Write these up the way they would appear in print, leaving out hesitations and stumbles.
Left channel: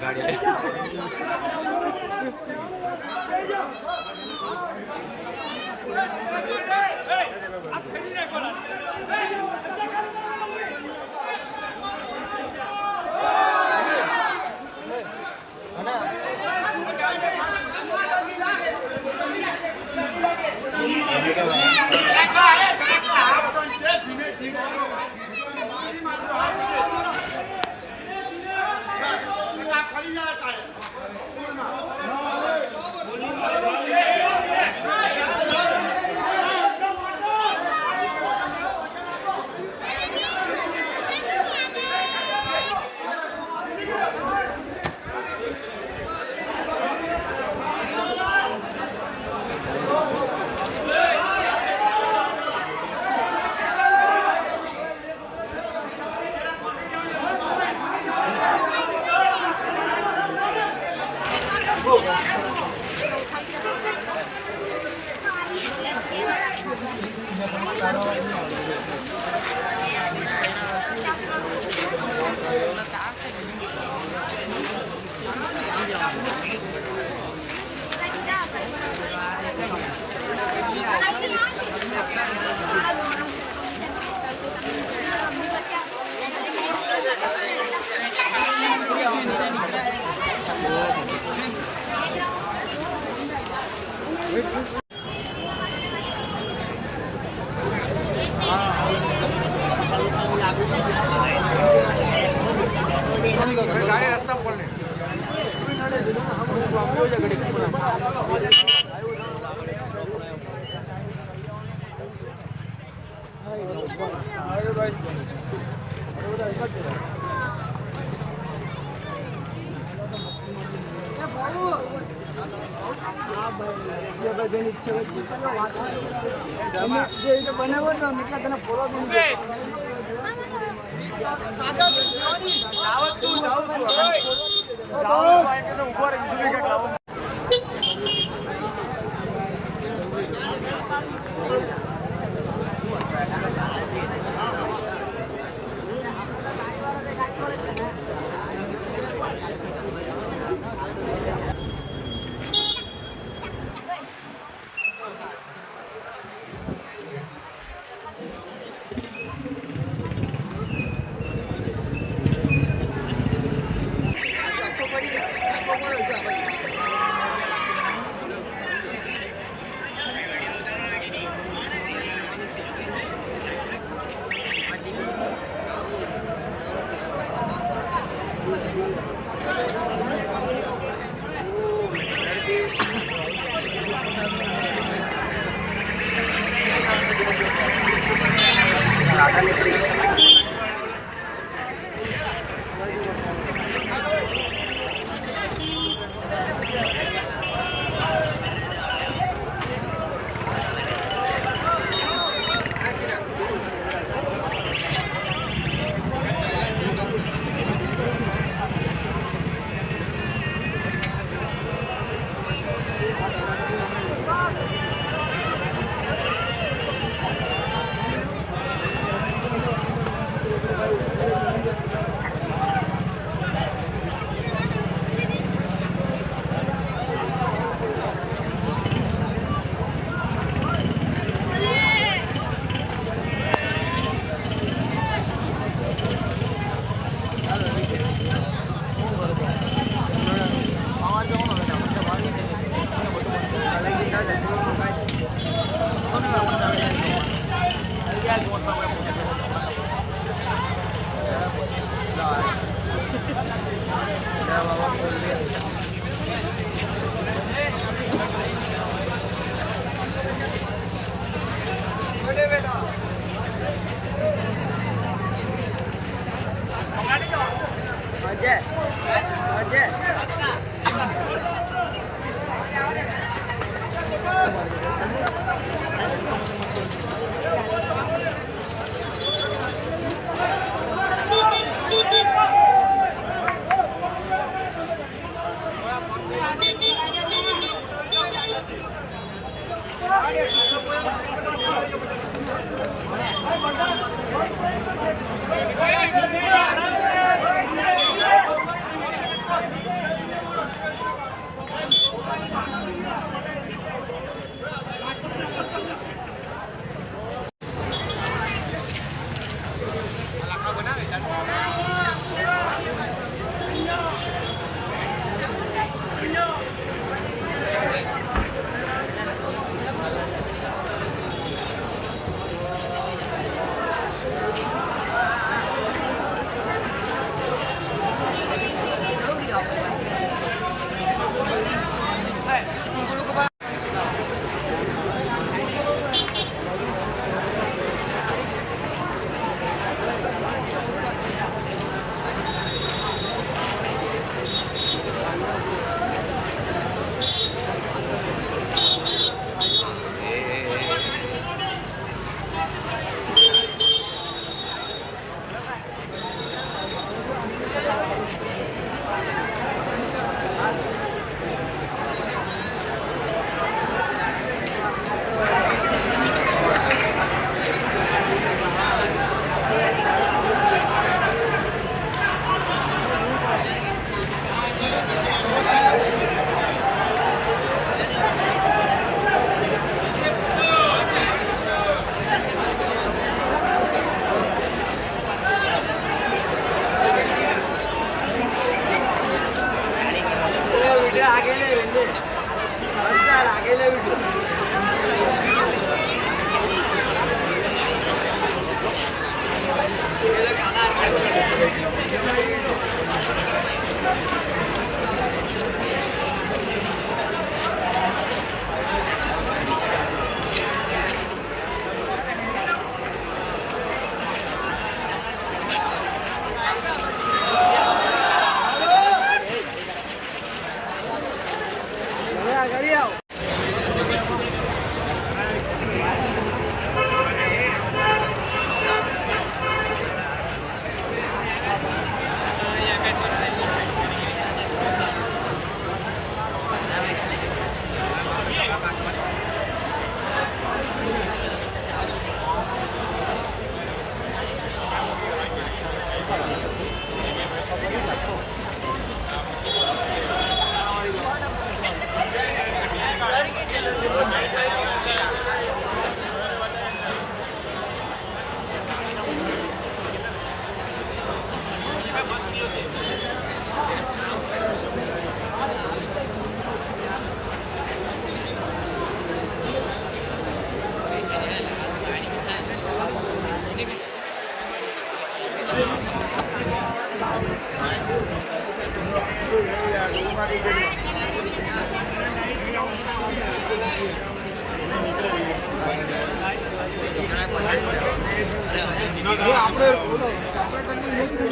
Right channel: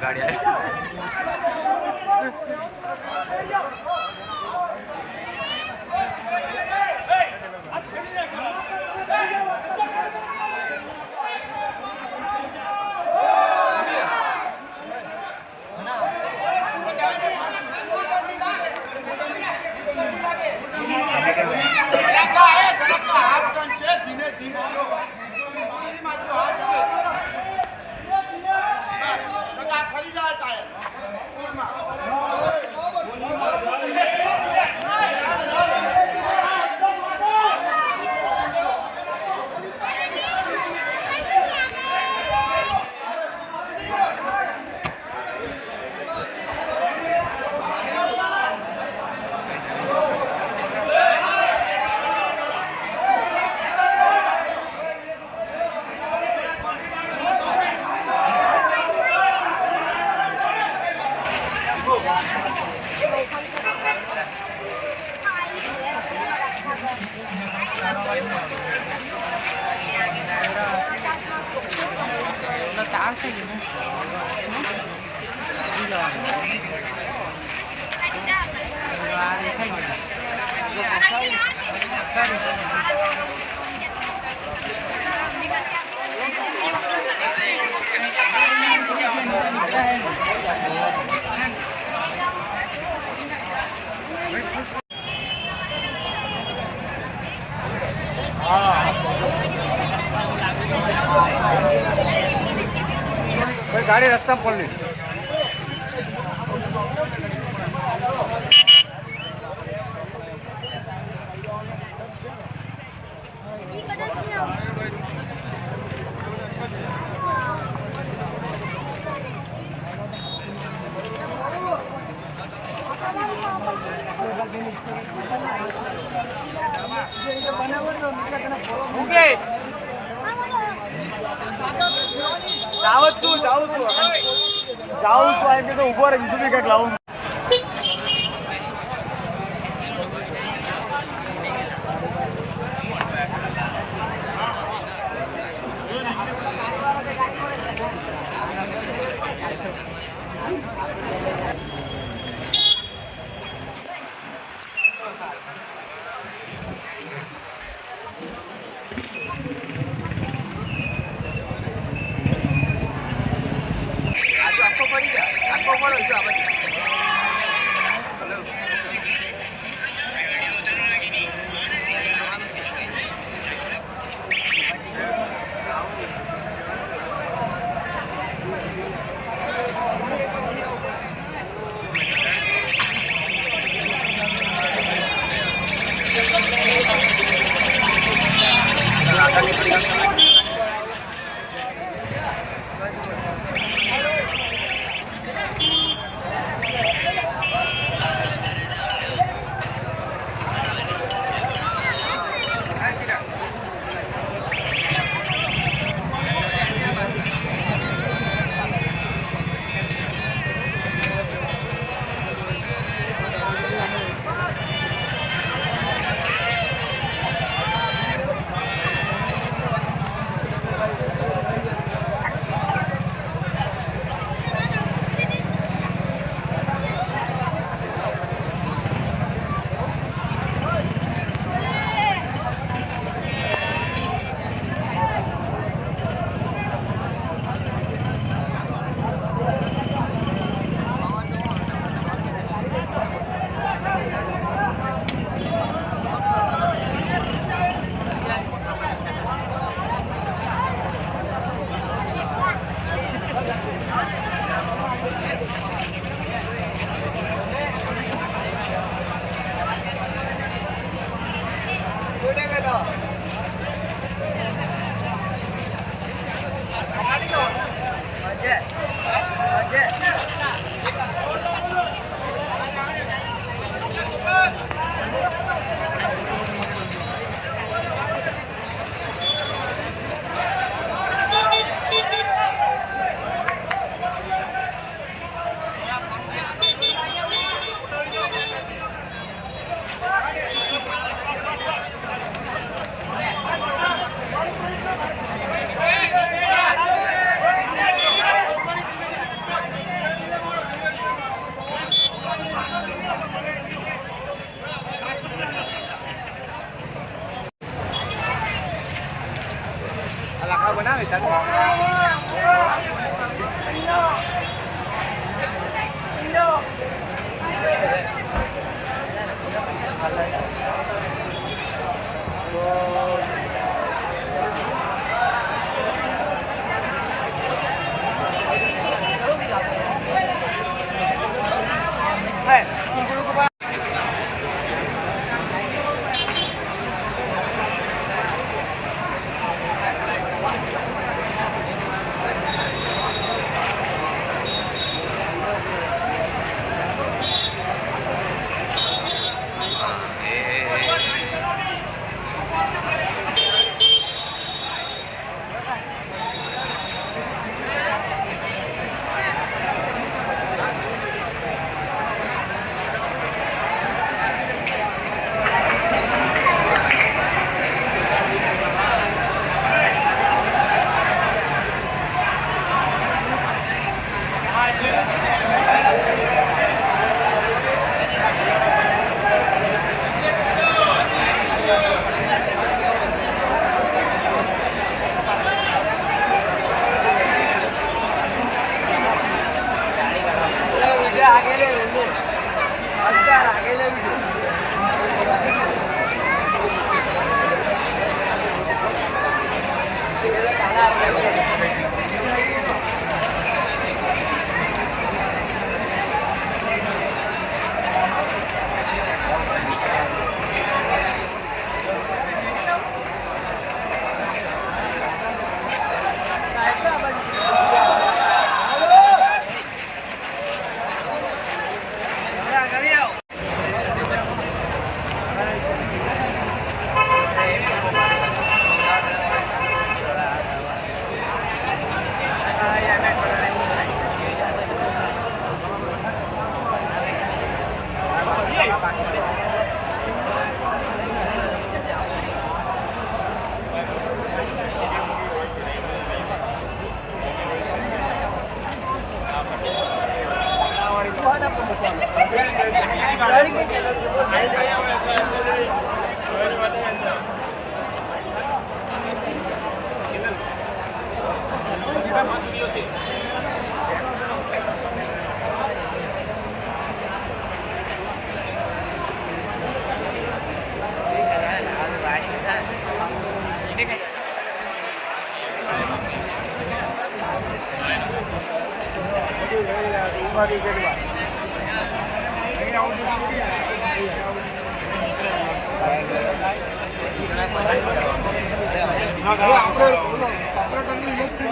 गाड़ी आई खड़ी जाता है गाड़ी रस्ता पड़ली आधा निकलेगा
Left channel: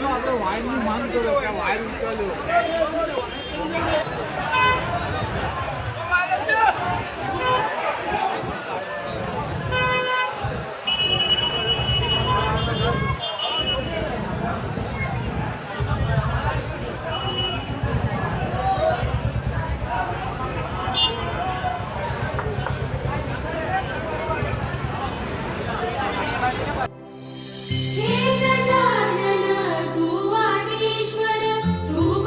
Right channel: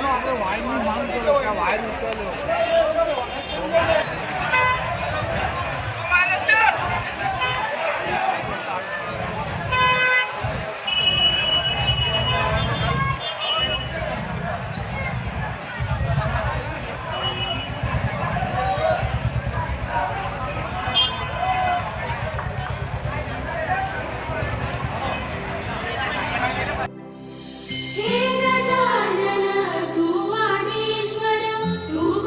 આપણે વાયરની માંગ કરો કે વાયર ઉચાલ્યો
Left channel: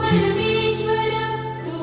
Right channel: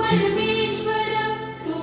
परमेश्वर तू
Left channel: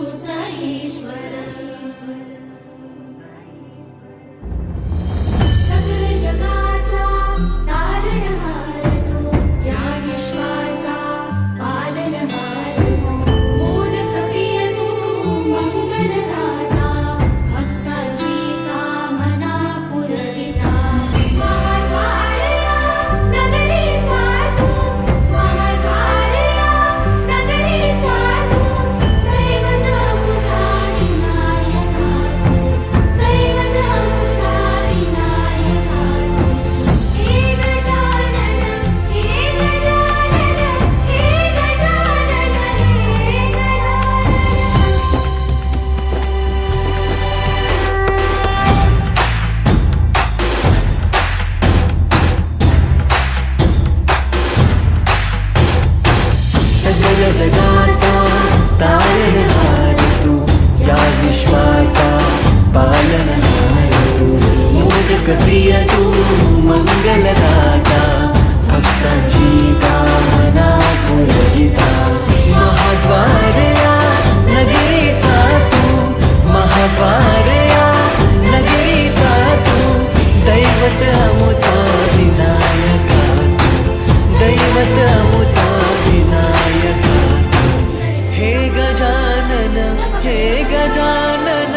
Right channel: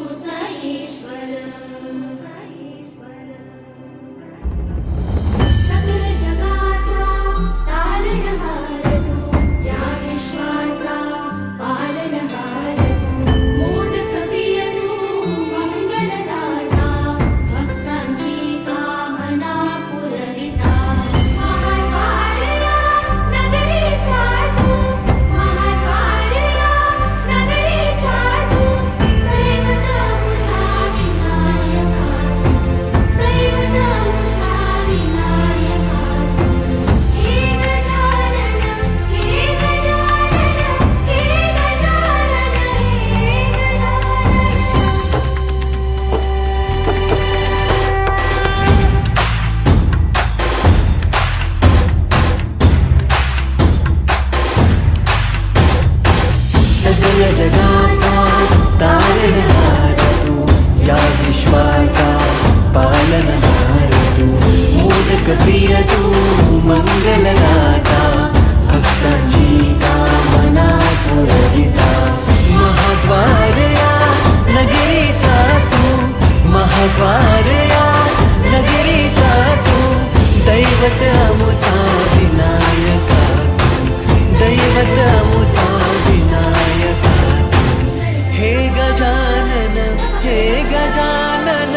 गजानन हे गजानन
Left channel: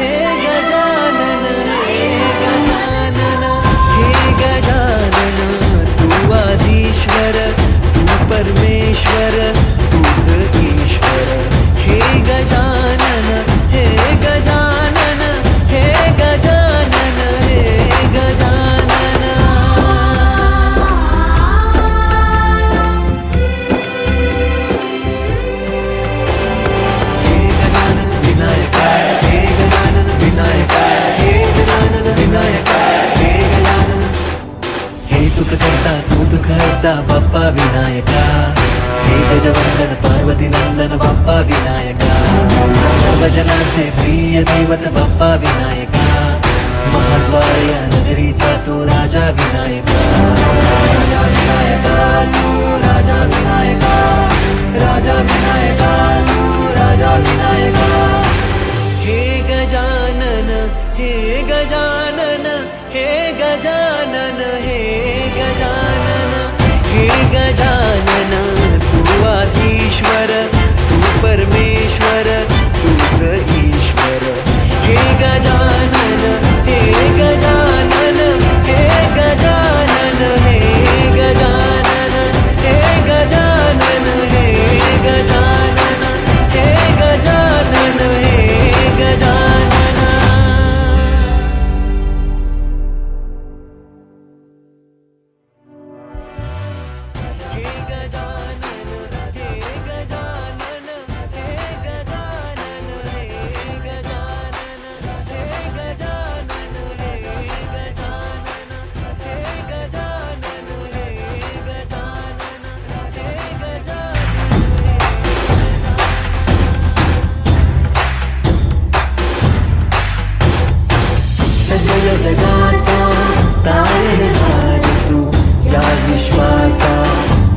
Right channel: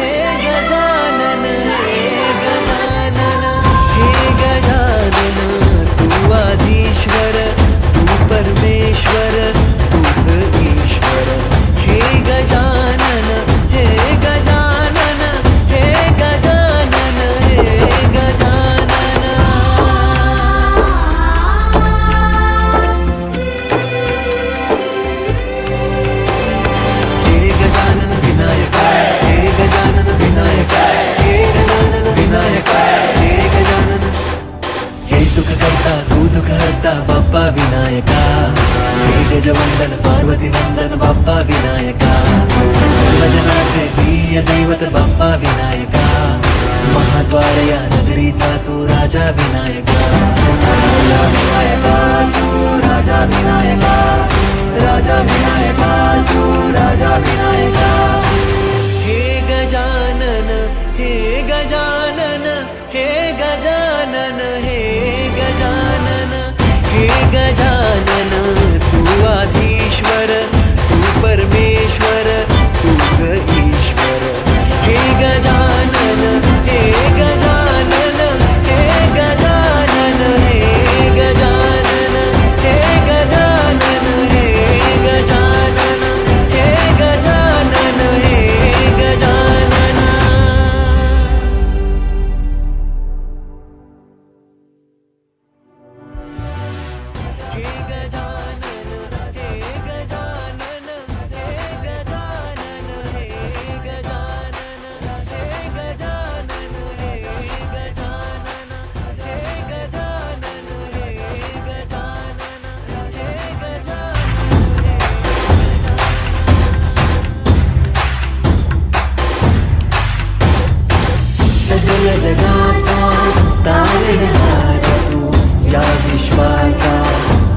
हे गजानन हे गजानन हे गजानन तू आधीश्वर तू परमेश्वर तूच ईश्वर हे गजानन हे गजानन हे गजानन हे गजानन हे गजानन विनायक हे गजानन विनायक हे गजानन विनायक हे गजानन हे सुख करता तू दुःख हरता बाप्पा विनायका हे गजवंदन पार्वती नंदन बाप्पा विनायका सर्वजनांचे प्रिय दैवत बाप्पा विनायका महाद्वार या नगरीचा तू राजा विनायका राजा विनायका तू राजा विनायका राजा विनायका तू राजा विनायका हे गजानन हे गजानन हे गजानन हे गजानन हे गजानन तू आधीश्वर तू परमेश्वर तूच ईश्वर हे गजानन हे गजानन हे गजानन हे गजानन हे गजानन हे गजानन हे गजानन हे गजानन हे गजानन हे गजानन हे गजानन हे गजानन हे गजानन हे गजानन हे गजानन हे गजानन हे सगळ जगाचा तारणहार तू या विश्वाचा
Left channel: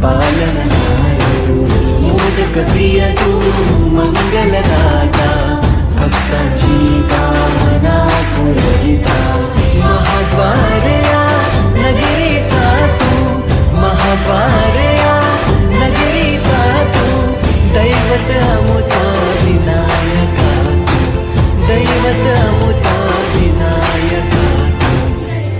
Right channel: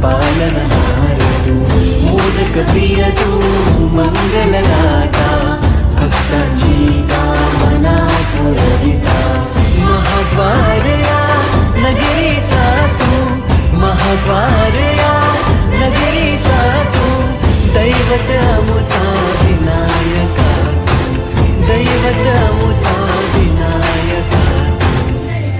पालनहार तू मोदक प्रिय तू मंगलदाता भक्तांची कामना पुरविता महाद्वार या नगरीचा तू महाद्वार या नगरीचा तू दैवत अमुचा विनायका तू दैवत अमुचा विनायका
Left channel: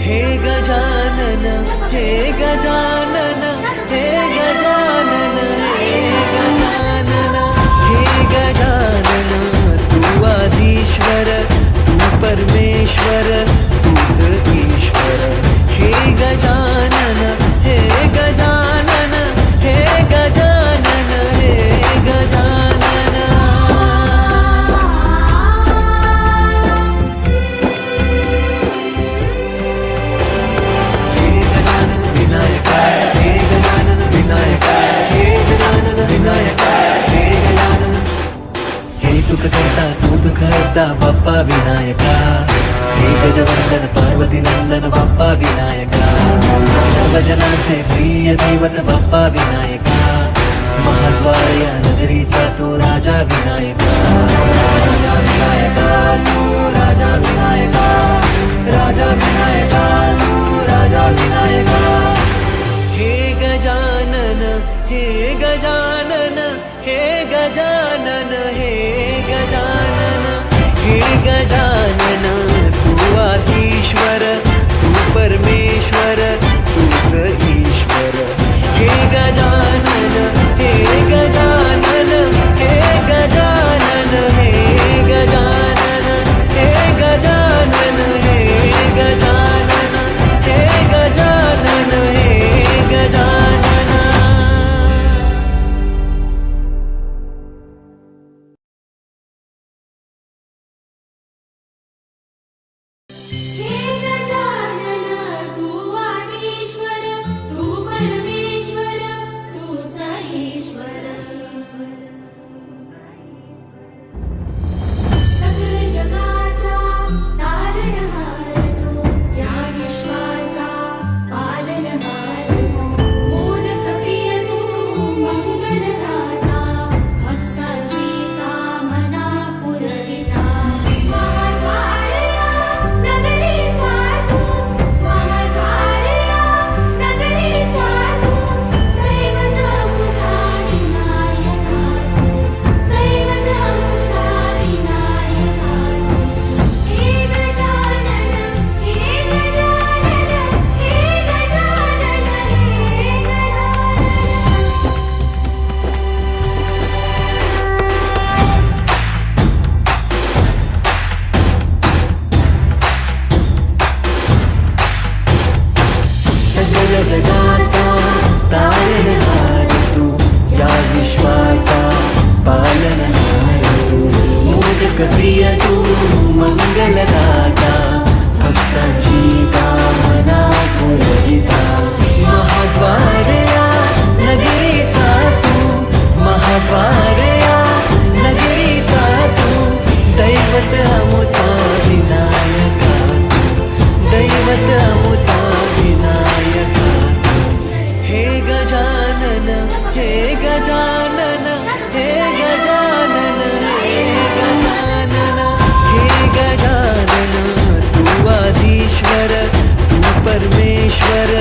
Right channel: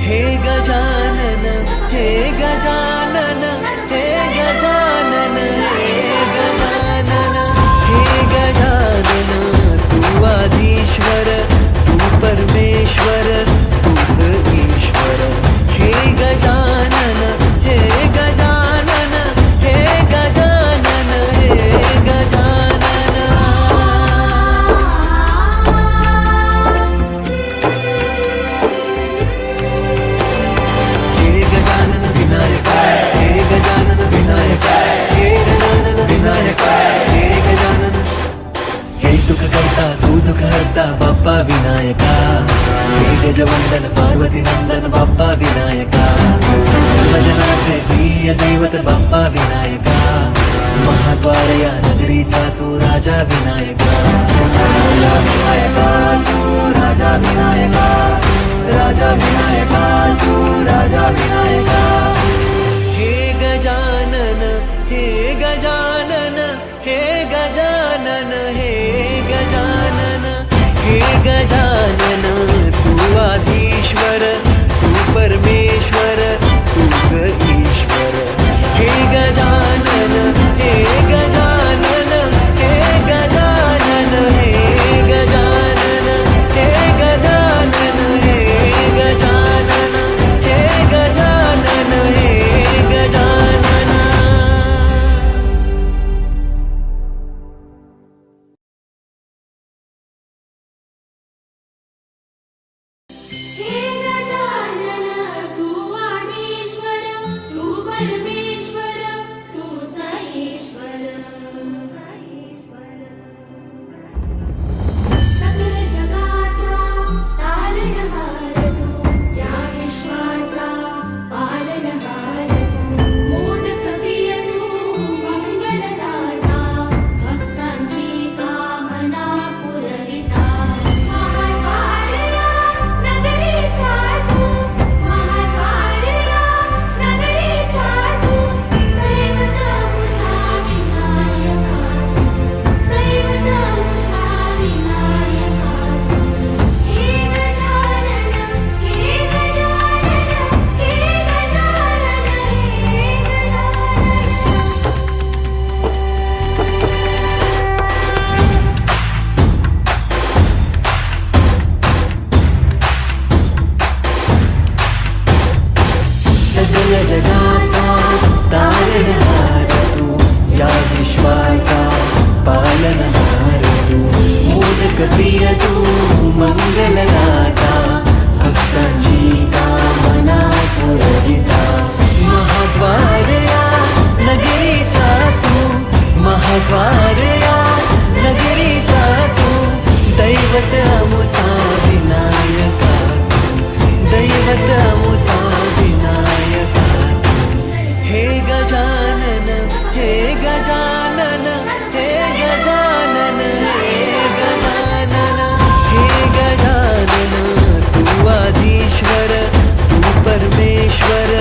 हे गजानन हे गजानन हे गजानन हे गजानन हे गजानन तू आधीश्वर तू परमेश्वर तूच ईश्वर हे गजानन हे गजानन हे गजानन हे गजानन हे गजानन विनायक हे गजानन विनायक हे गजानन विनायक हे गजानन हे सुख करता तू दुःख हरता बाप्पा विनायका हे गजवंदन पार्वती नंदन बाप्पा विनायका सर्वजनांचे प्रिय दैवत बाप्पा विनायका महाद्वार या नगरीचा तू राजा विनायका राजा विनायका तू राजा विनायका राजा विनायका तू राजा विनायका हे गजानन हे गजानन हे गजानन हे गजानन हे गजानन तू आधीश्वर तू परमेश्वर तूच ईश्वर हे गजानन हे गजानन हे गजानन हे गजानन हे गजानन हे गजानन हे गजानन हे गजानन हे गजानन तू आधी पालनहार तू मोदक प्रिय तू मंगलदाता भक्तांची कामना पुरविता महाद्वार या नगरीचा तू महाद्वार या नगरीचा तू दैवत अमुचा विनायका तू दैवत अमुचा विनायका तू हे गजानन हे गजानन हे गजानन हे गजानन हे गजानन तू आदिश्वर तू परमेश्वर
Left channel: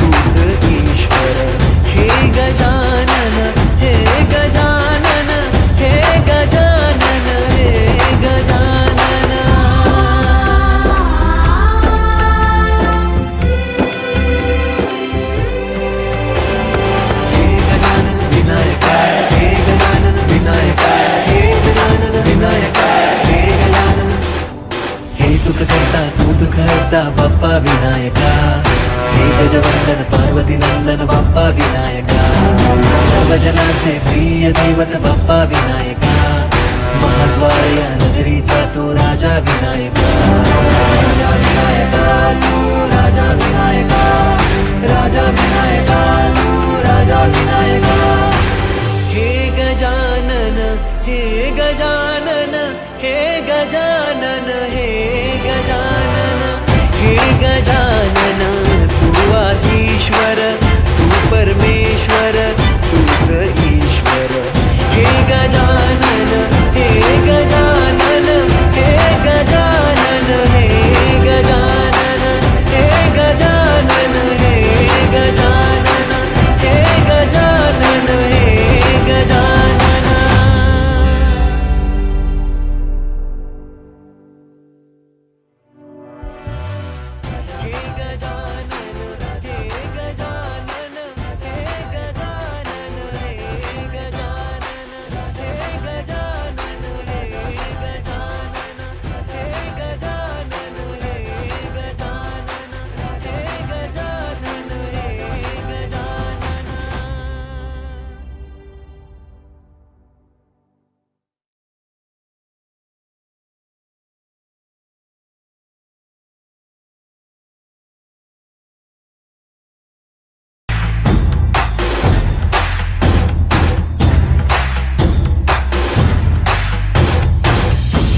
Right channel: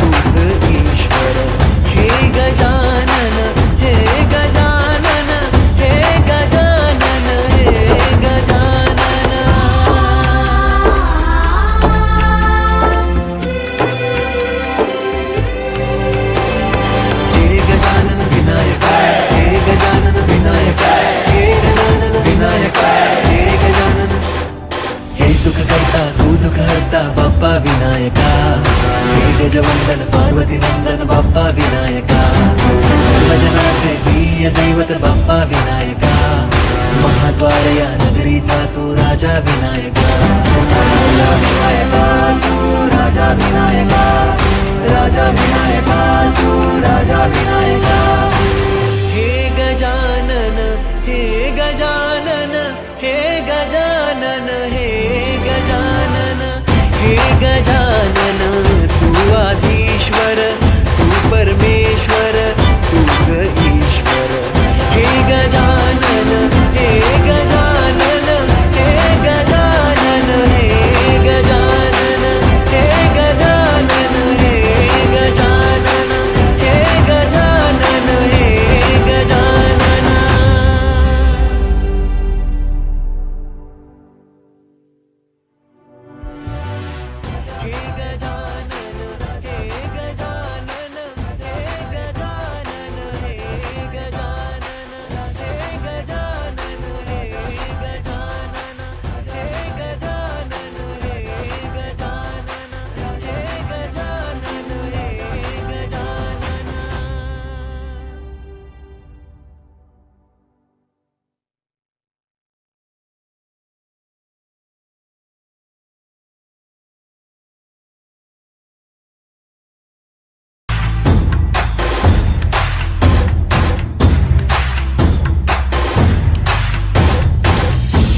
तूच ईश्वर हे गजानन हे गजानन हे गजानन हे गजानन हे गजानन विनायका हे गजानन विनायका हे गजानन विनायका हे गजानन हे सुख करता तू दुःख हरता बाप्पा विनायका हे गजवंदन पार्वती नंदन बाप्पा विनायका सर्वजनांचे प्रिय दैवत बाप्पा विनायका महाद्वार या नगरीचा तो राजा विनायका राजा विनायका तू राजा विनायका राजा विनायका तू राजा विनायका हे गजानन हे गजानन हे गजानन हे गजानन हे गजानन तू आधीश्वर तू परमेश्वर तूच ईश्वर हे गजानन हे गजानन हे गजानन हे गजानन हे गजानन हे गजानन हे गजानन हे गजानन हे गजानन हे गजानन हे गजानन हे गजानन हे गजानन हे गजानन हे गजानन हे गजानन हे गजानन हे गजानन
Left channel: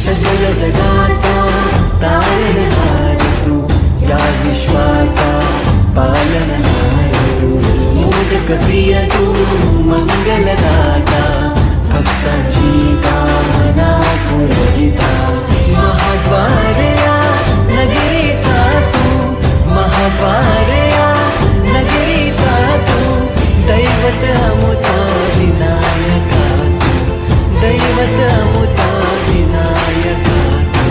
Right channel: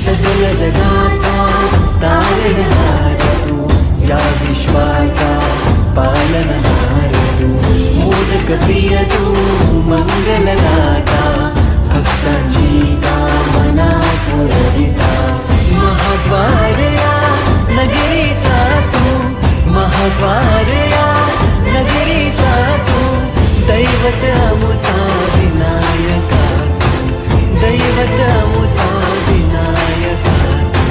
सकल जगाचा तारणहार तू या विश्वाचा पालनहार तू मोदक प्रिय तू मंगलदाता भक्तांची कामना पुरविता महाद्वार या नगरीचा तू महाद्वार या नगरीचा तू दैवत अमुचा विनायका तू दैवत अमुचा विनायका तू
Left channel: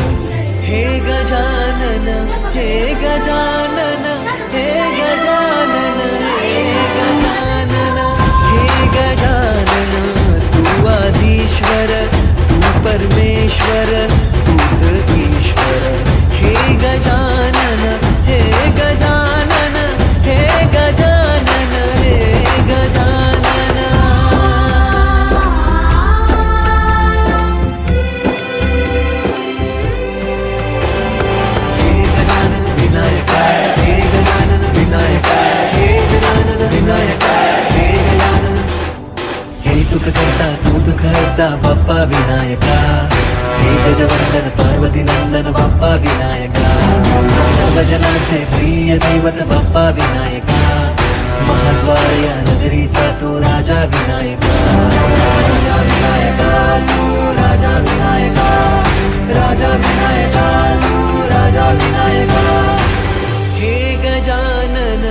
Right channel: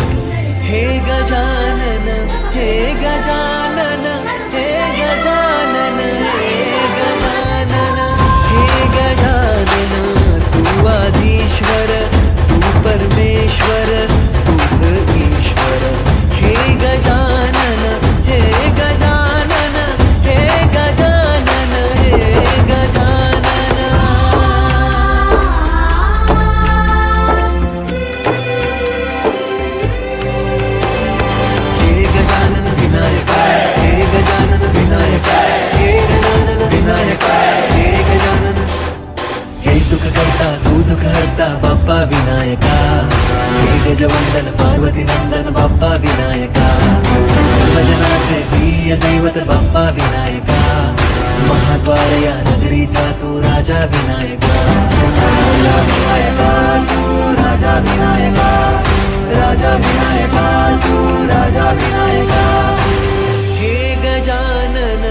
हे गजानन हे गजानन हे गजानन हे गजानन हे गजानन तू आधीश्वर तू परमेश्वर तूच ईश्वर हे गजानन हे गजानन हे गजानन हे गजानन हे गजानन विनायका हे गजानन विनायका हे गजानन विनायका हे गजानन हे सुख करता तू दुःख हरता बाप्पा विनायका हे गजवंदन पार्वती नंदन बाप्पा विनायका सर्वजनांचे प्रिय दैवत बाप्पा विनायका महाद्वार या नगरीचा तो राजा विनायका राजा विनायका तू राजा विनायका राजा विनायका तू राजा विनायका हे गजानन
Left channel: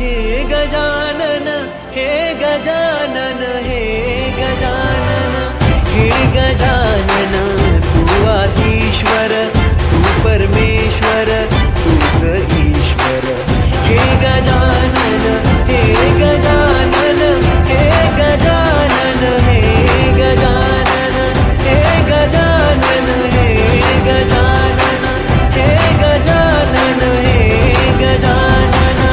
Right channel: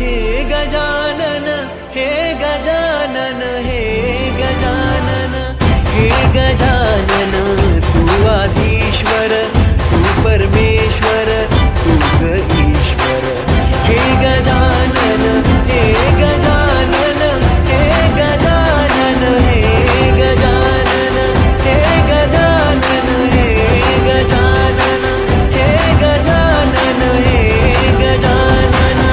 हे गजानन हे गजानन हे गजानन हे गजानन तू आधीश्वर तू परमेश्वर तूच ईश्वर हे गजानन हे गजानन हे गजानन हे गजानन हे गजानन हे गजानन हे गजानन हे गजानन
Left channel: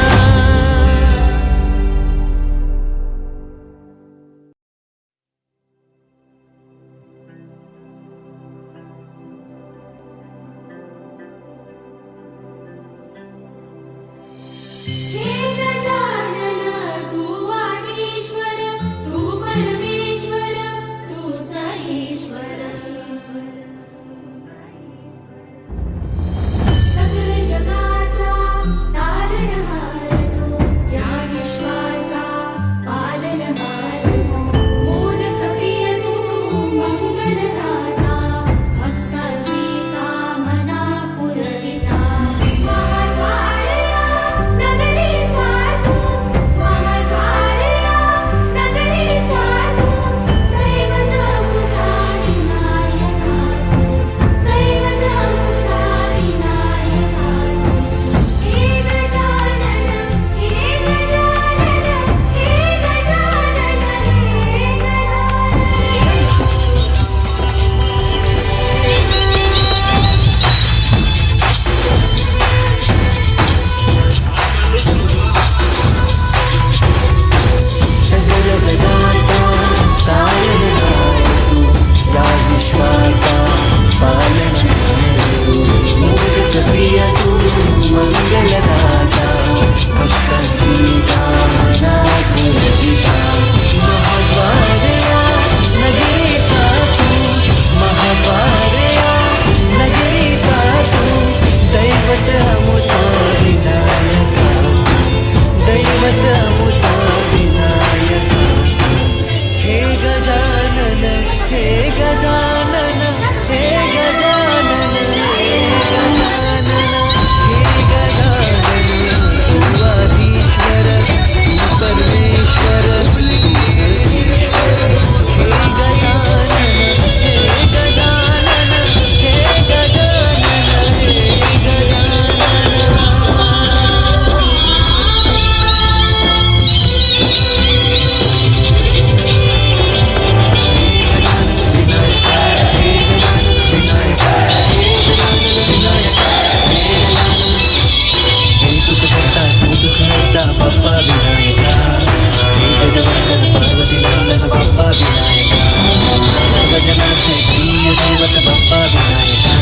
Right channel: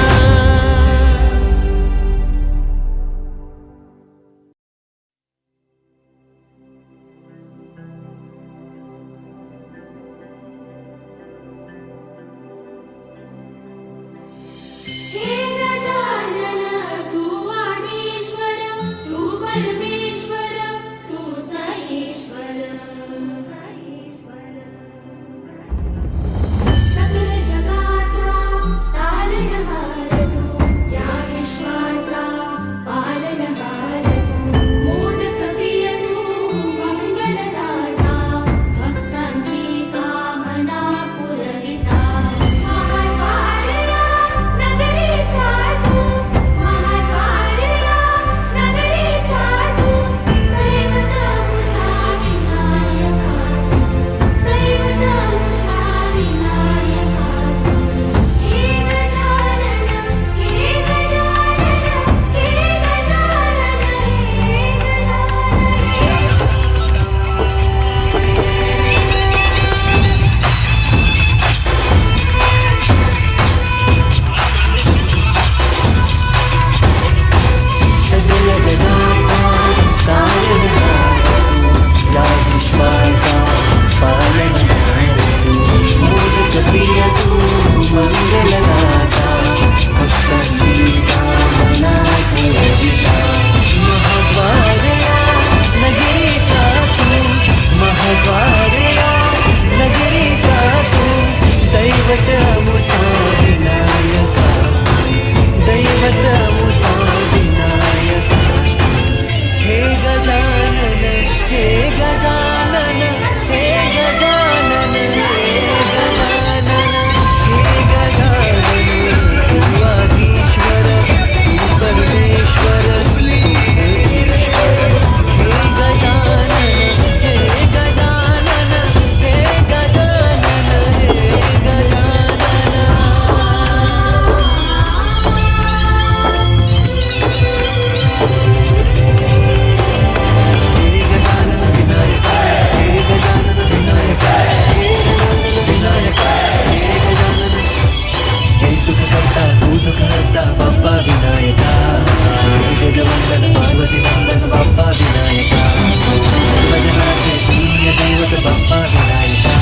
बाप्पा विनायका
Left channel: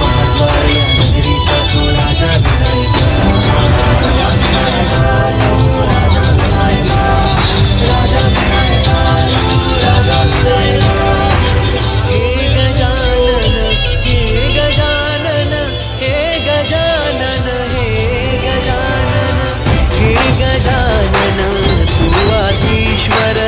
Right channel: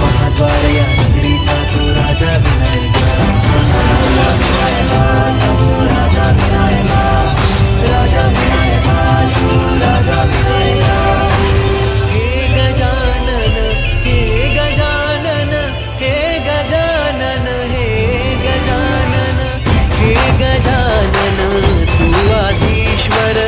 महाद्वार या नगरीचा तो राजा विनायका राजा विनायका राजा विनायका राजा विनायका राजा विनायका हे गजानन हे गजानन हे गजानन हे गजानन हे गजानन तू आधीश्वर